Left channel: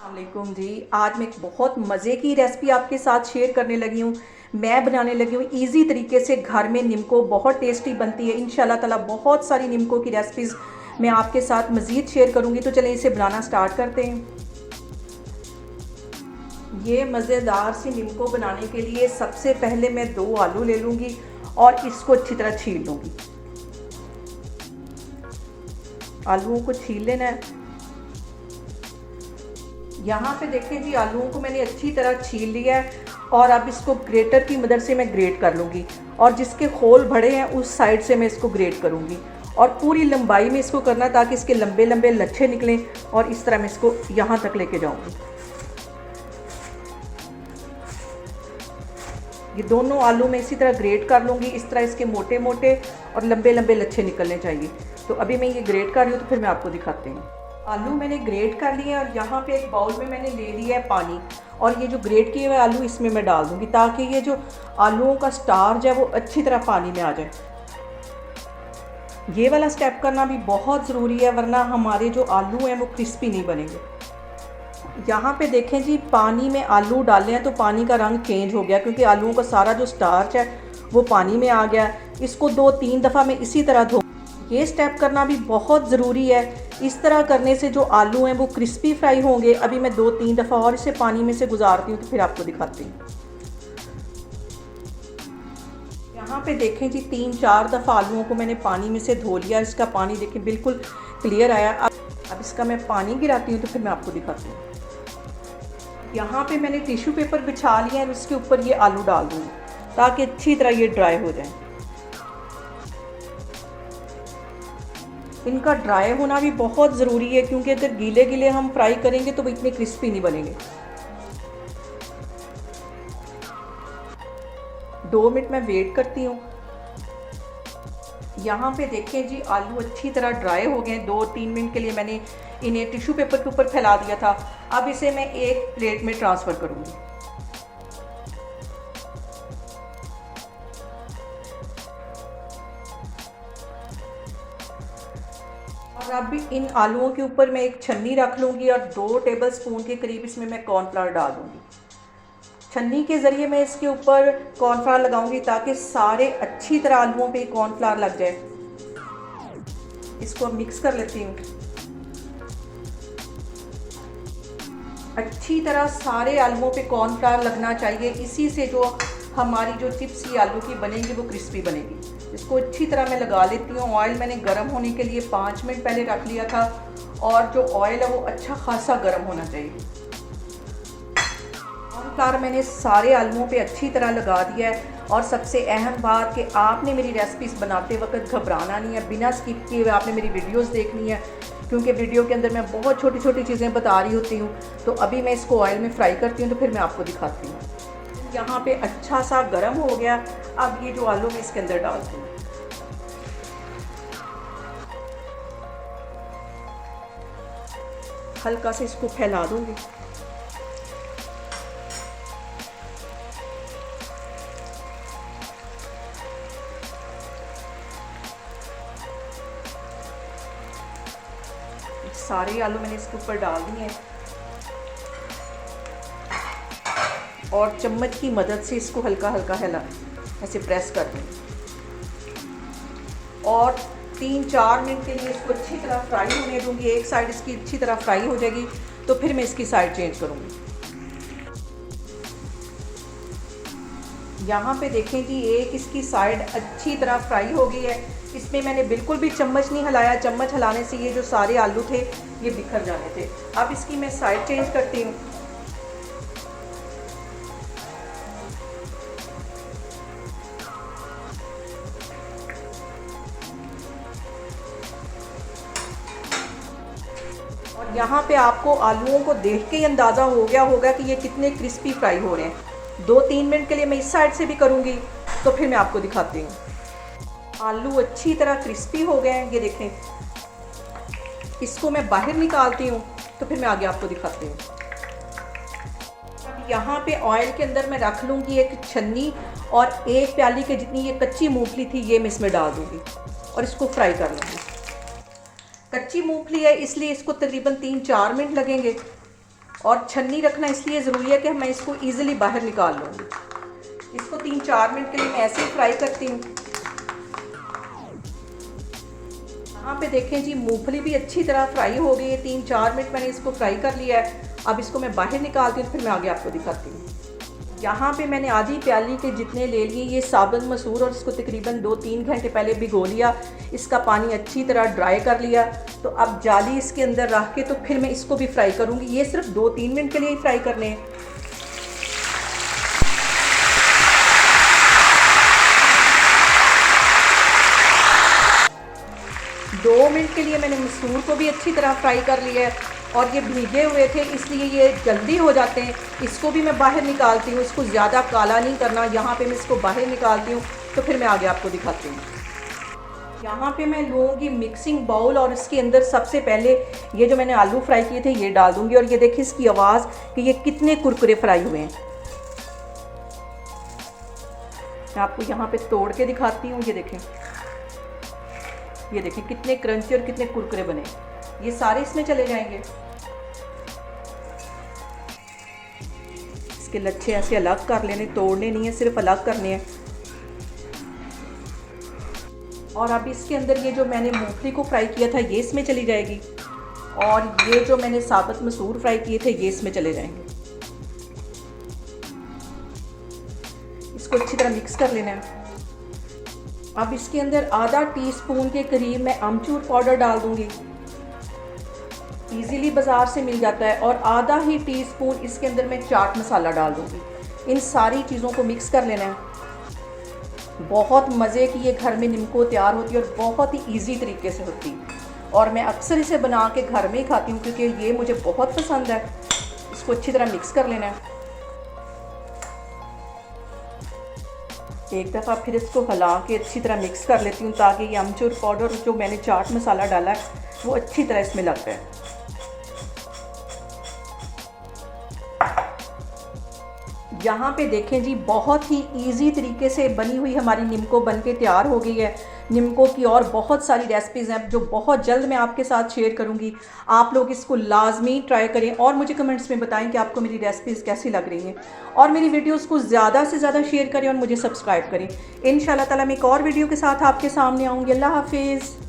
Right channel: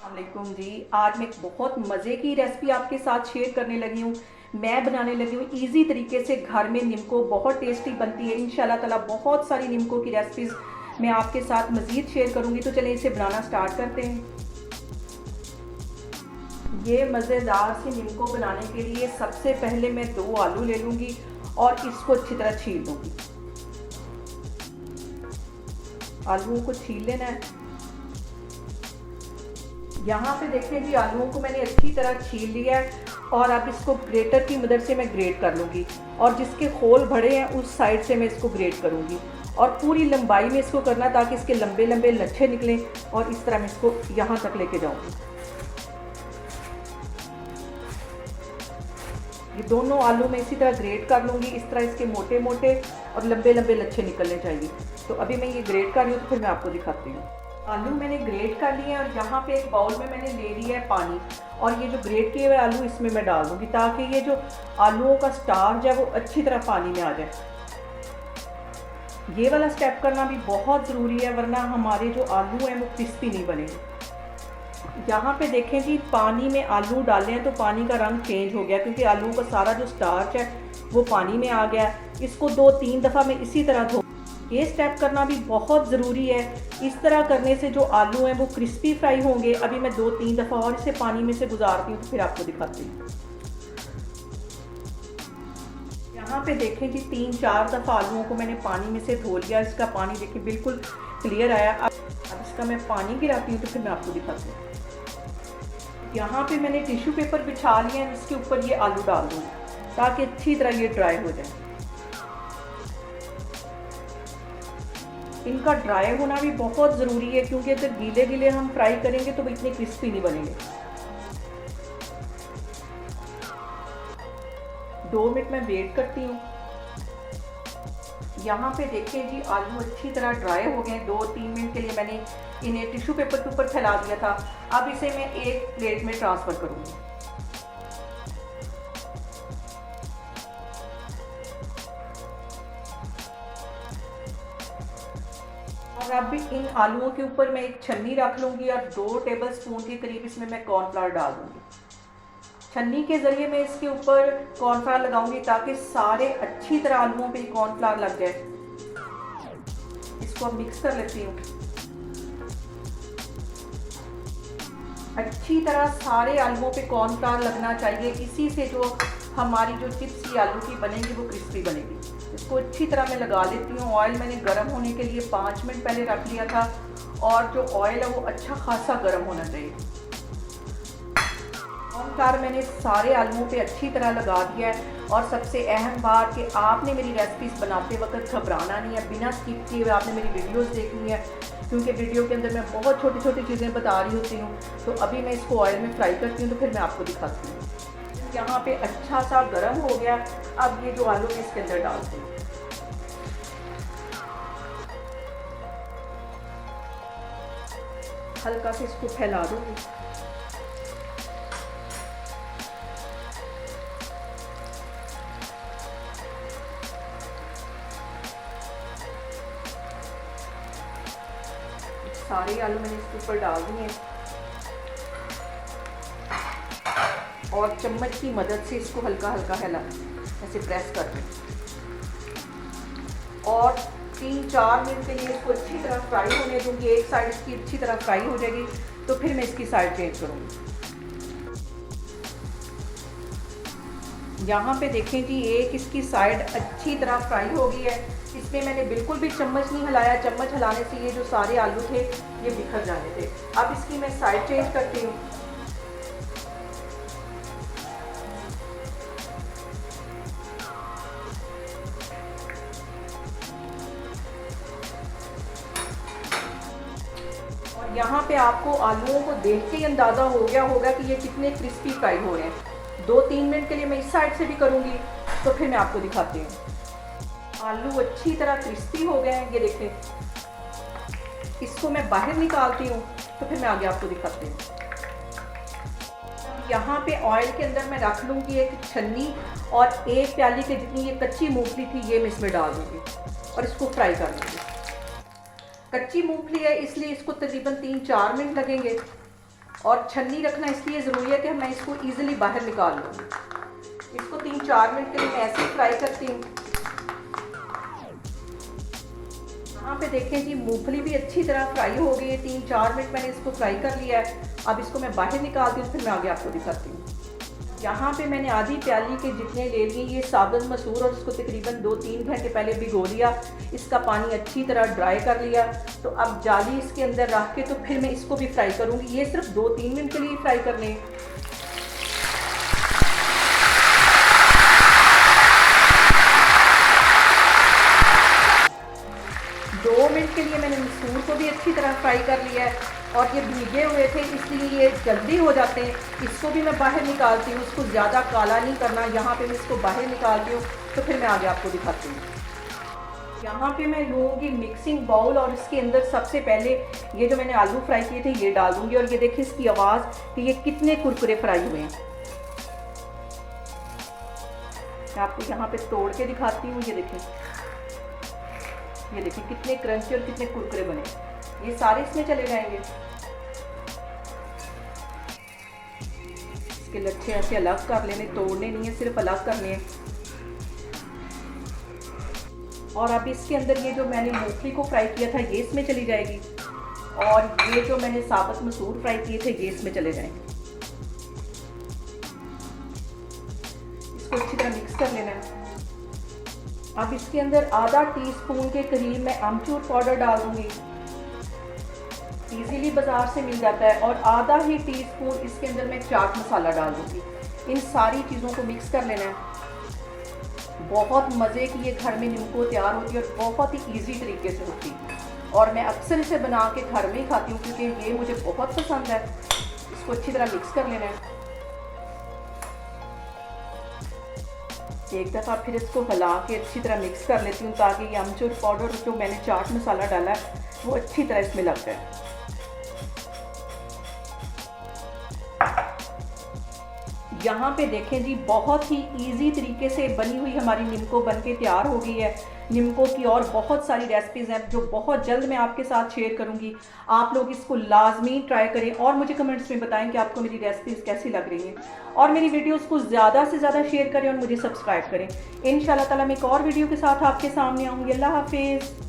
वालेकुम जी। आज मैं एक बहुत मज़े की रेसिपी आपके साथ शेयर करने लगी हूँ। मैं बनाने लगी हूँ इजी तरीके से घर में निम्को। बहुत टेस्टी बनती है इंशाल्लाह ताला। बहुत सारी निम्को की रेसिपीज़ मैं आपके साथ मज़ीद शेयर करूँगी, तो चलिए इसे बनाना स्टार्ट करते हैं। ये मज़ेदार सी निम्को बनाने के लिए सबसे पहले मैं 2 आलू ले लूँगी और इसको अच्छी तरह छील लूँगी। आलूओं को छील लेना है। यहाँ पे देखिए जी, आलूओं को मैंने अच्छी तरह छील लिया है और अब इसको ग्रेटर की मदद से मैं ग्रेट कर लूँगी और जिसके खोल बड़े हैं उस साइड से मैं इसको ग्रेट करूँगी और पूरी लंबाई में इसको करना ताकि इसके लंबे लंबे लच्छे निकलें और इस तरह मैं इसको यहाँ तक लेके जाऊँगी। ये दोनों आलू मैं इसी तरह ग्रेट कर लूँगी। इस तरह इसके मोटे मोटे और लंबे लंबे लच्छे निकलने चाहिए। तो अभी मैं ये ग्रेट कर रही हूँ, तो फिर मैं आपको दिखाती हूँ। आलू मैंने ग्रेट कर लिए और यहाँ पे एक बाउल में मैंने ले लिया है पानी और ये जो ग्रेट किए हुए आलू इसमें मैं डाल दूँगी ताकि ये जो आलूओं का स्टार्च है वो अच्छी तरह पानी में आ जाए। ये वाला स्टेप करना भी बहुत ज़रूरी है, वरना हमारे जो आलू हैं वो क्रिस्पी नहीं बनेंगे। यहाँ पे देखें जी, पानी में आलू डाले हैं तो पानी का रंग चेंज हो गया क्योंकि आलूओं का सारा जो स्टार्च है वो पानी में आ गया। इसको 2-3 दफ़ा मैं इसी तरह धो। ये स्टेप करना भी बहुत ज़रूरी है। इस तरह करने से जो आलू हैं वो क्रिस्पी फ्राई होंगे। अभी मैं 2-3 दफ़ा और इसे पानी में से गुजारती हूँ, तो फिर आपको दिखाती हूँ। यहाँ पे देखें जी, 3-4 दफ़ा आलूओं को मैंने पानी में से धो लिया। इसका पानी देखिए बिल्कुल क्लियर आया। अब इसका मैं पानी गिराती हूँ, तो फिर मैं आपको दिखाती हूँ। यहाँ पे मैंने टिश्यू पेपर बिछा लिया है, इसके ऊपर ये आलू डाल दूँगी ताकि अच्छी तरह ये ड्राई हो जाए। इनका ड्राई होना भी बहुत ज़रूरी है क्योंकि अगर गीले गीले हम फ्राई करेंगे तो वो इतने क्रिस्पी नहीं बनेंगे। 2 मिनट मैं वेट करती हूँ। यहाँ पे देखिए जी, आलू अच्छी तरह ड्राई हो गए। 2-3 मिनट के लिए मैंने इन्हें टिश्यू पेपर के ऊपर फैला दिया था। अब इसे मैं एक प्लेट में ट्रांसफ़र करूँगी। और अब इन आलूओं के ऊपर मैं एक छन्नी रख लूँगी और 2 टेबलस्पून के करीब इसमें मैं कॉर्नफ्लावर डाल दूँगी। छन्नी के ज़रिए मैं इसके ऊपर कॉर्नफ्लावर लगाऊंगी ताकि सारे अच्छी तरह आलूओं पे कॉर्नफ्लावर लग जाए। इसको मिक्स कर लेती हूँ। अच्छी तरह सारे आलूओं पे कॉर्नफ्लावर लगना चाहिए। इसी से जो हमारी जो चिप्स ये आलू की बनेगी वो क्रिस्पी बनेगी। इसको अच्छी तरह मैं लगा लेती हूँ। ऑयल मैंने गर्म होने के लिए 5 मिनट पहले रख लिया था और जो ऑयल है वो अच्छा खासा गर्म होना चाहिए। कॉर्नफ्लावर मैंने सारे आलूओं पे अच्छी तरह लगा दिया है। और सबसे अहम बात कि आपने मेरी रेसिपीज़ बनाते वक्त घबराना नहीं है। बिना स्किप किए हुए आपने मेरी वीडियोस देखनी है क्योंकि वीडियो के अंदर मैं बहुत छोटी छोटी चीज़ें बता रही होती हूँ। तो अभी मैं इसको ऑयल में फ्राई करती हूँ, तो फिर मैं आपको दिखाती हूँ। यहाँ पे अच्छा सा गर्म हो गया। अब ये जो आलू मैं इसके अंदर डालती हूँ। हल्का से इसको फैला दूँगी। सारे आलू मैंने इसके ऊपर डाल दिए हैं और चम्मच की मदद से इसको हल्का हल्का हिला ऐसे प्रेस कर दूँ और 3-4 मिनट के लिए इसको अच्छी तरह फ्राई होने दूँगी। एक साइड इसकी अच्छी तरह फ्राई हो जाएगी तो फिर मैं इसकी साइड चेंज करूँगी। यहाँ पे देखें कि एक इसकी साइड अच्छी तरह फ्राई हो गई है। इसमें मैंने बिल्कुल भी चम्मच नहीं हिलाया। चम्मच हिलाने से ये जो सारे आलू थे ये बिखर जाने थे। अब इसकी मैं साइड चेंज करती हूँ। और यहाँ पे आपको आलूओं को देख के ही अंदाज़ा हो गया होगा कि ये कितने क्रिस्पी फ्राई हो रहे हैं। 2-3 मिनट के लिए मैं इस साइड से भी करूँगी, तो फिर मैं आपको दिखाती हूँ। आलू अच्छी तरह क्रिस्पी हो गए हैं, ये देखें। इसको मैं बाहर निकालती हूँ, तो फिर मैं आगे आपको दिखाती हूँ। यहाँ पे ऑयल के अंदर मैं रख लूँगी एक छन्नी और 1 प्याली के जितनी ये कच्ची मूंगफली थी ये मैं इसमें डाल दूँगी और इसको फ्राई कर लूँगी। कच्ची मूंगफली है इसलिए इसको तकरीबन 3-4 मिनट लगेंगे। और छन्नी रखना इसलिए ज़रूरी है कि मैं इसको ईज़िली बाहर निकाल लूँ। इसको 3-4 मिनट के लिए मैं ऐसे ही फ्राई करती हूँ। यहाँ पे देखें जी, मूंगफली भी अच्छी तरह फ्राई हो गई है। 3-4 मिनट मैंने इसको फ्राई कर लिया है। अब इसको मैं बाहर निकालती हूँ, फिर मैं आगे आपको दिखाती हूँ। यहाँ पे मैंने आधी प्याली के जितने ले ली ये साबुत मसूर, और इसको तकरीबन 2-3 घंटे पहले भिगो लिया। इसका पानी अच्छी तरह ड्राई कर लिया। तो अब जाली इसके अंदर रख के तो फिर मैं इसको भी फ्राई करूँगी। ये सिर्फ 2-3 मिनट के लिए ही फ्राई करने हैं। 2 मिनट के लिए मैंने मसूर को भी अच्छी तरह फ्राई कर लिया है, और ये भीगे हुए थे इसलिए ये जल्दी हो जाते हैं। इसको भी मैं बाहर निकालती हूँ, इसको ज़्यादा काला नहीं करना। यहाँ पे मैं इसको बाहर निकालती हूँ, तो फिर मैं आगे आपको दिखाती हूँ। यहाँ पे मैं लूँगी मिक्सिंग बाउल, और इसके अंदर सबसे पहले ये जो मैंने आलू फ्राई किए थे ये डाल दूँगी। और ये देखिए इसकी आवाज़ कि ये कितने कुरकुरे फ्राई हुए हैं। मैं आपको यहाँ पे तोड़ के दिखाती हूँ। ये देखें कितने क्रंची और कितने कुरकुरे बने। ये सारे इसमें चले जाएंगे। इसके लच्छे ऐसे अलग कर लेने, तोड़ने नहीं है, सिर्फ अलग करने हैं। और अब इसके अंदर ये जो मैंने मूंगफली को फ्राई किया था ये इसमें चली जाएगी, और ये जो मैंने साबुत मसूर फ्राई किए थे ये इसमें चले जाएंगे। इसको अच्छी तरह मिक्स कर लेना है। अब इसके अंदर आधा टीस्पून के करीब मैं अमचूर पाउडर डाल दूंगी, इजीली बाज़ार से मिल जाता है। और आधा ही टीस्पून इसके अंदर मैं चाट मसाला डाल दूंगी। इन सारी चीज़ों को मिक्स कर लेना है। बहुत मज़े की ये घर में निम्को तैयार होती है, और बहुत ही ईजी तरीके से होती है। और मैं अक्सर इसे बना के घर में ही खाती हूँ क्योंकि ये मुझे बहुत पसंद है। इसको अच्छी तरह मिक्स कर लेना है। एक दफ़ा फिर इसको हिला के अच्छी तरह मिक्स कर लेती हूँ, ताकि ये अमचूर पाउडर जो मैंने चाट मसाला डाला है वो अच्छी तरह इसमें लग जाए। यहाँ पे देखें जी, बहुत ही इजी तरीके से बनी हुई हमारी निम्को बन के तैयार हो गई है। निम्को की और बहुत सारी रेसिपीज़ हैं जो बहुत जल्द मैं आपके साथ शेयर करूँगी। आप लोग इसको लाजमी ट्राई करें, और मुझे कमेंट्स में बताएं कि आपको मेरी रेसिपीज़ कैसी लग रही हैं। और मेरी वीडियोस को ज़्यादा से ज़्यादा शेयर करें और मुझे सब्सक्राइब करें। इंशाल्लाह ताला मैं एक और वीडियो के साथ आपके सामने आऊँगी। अल्लाह हाफिज़।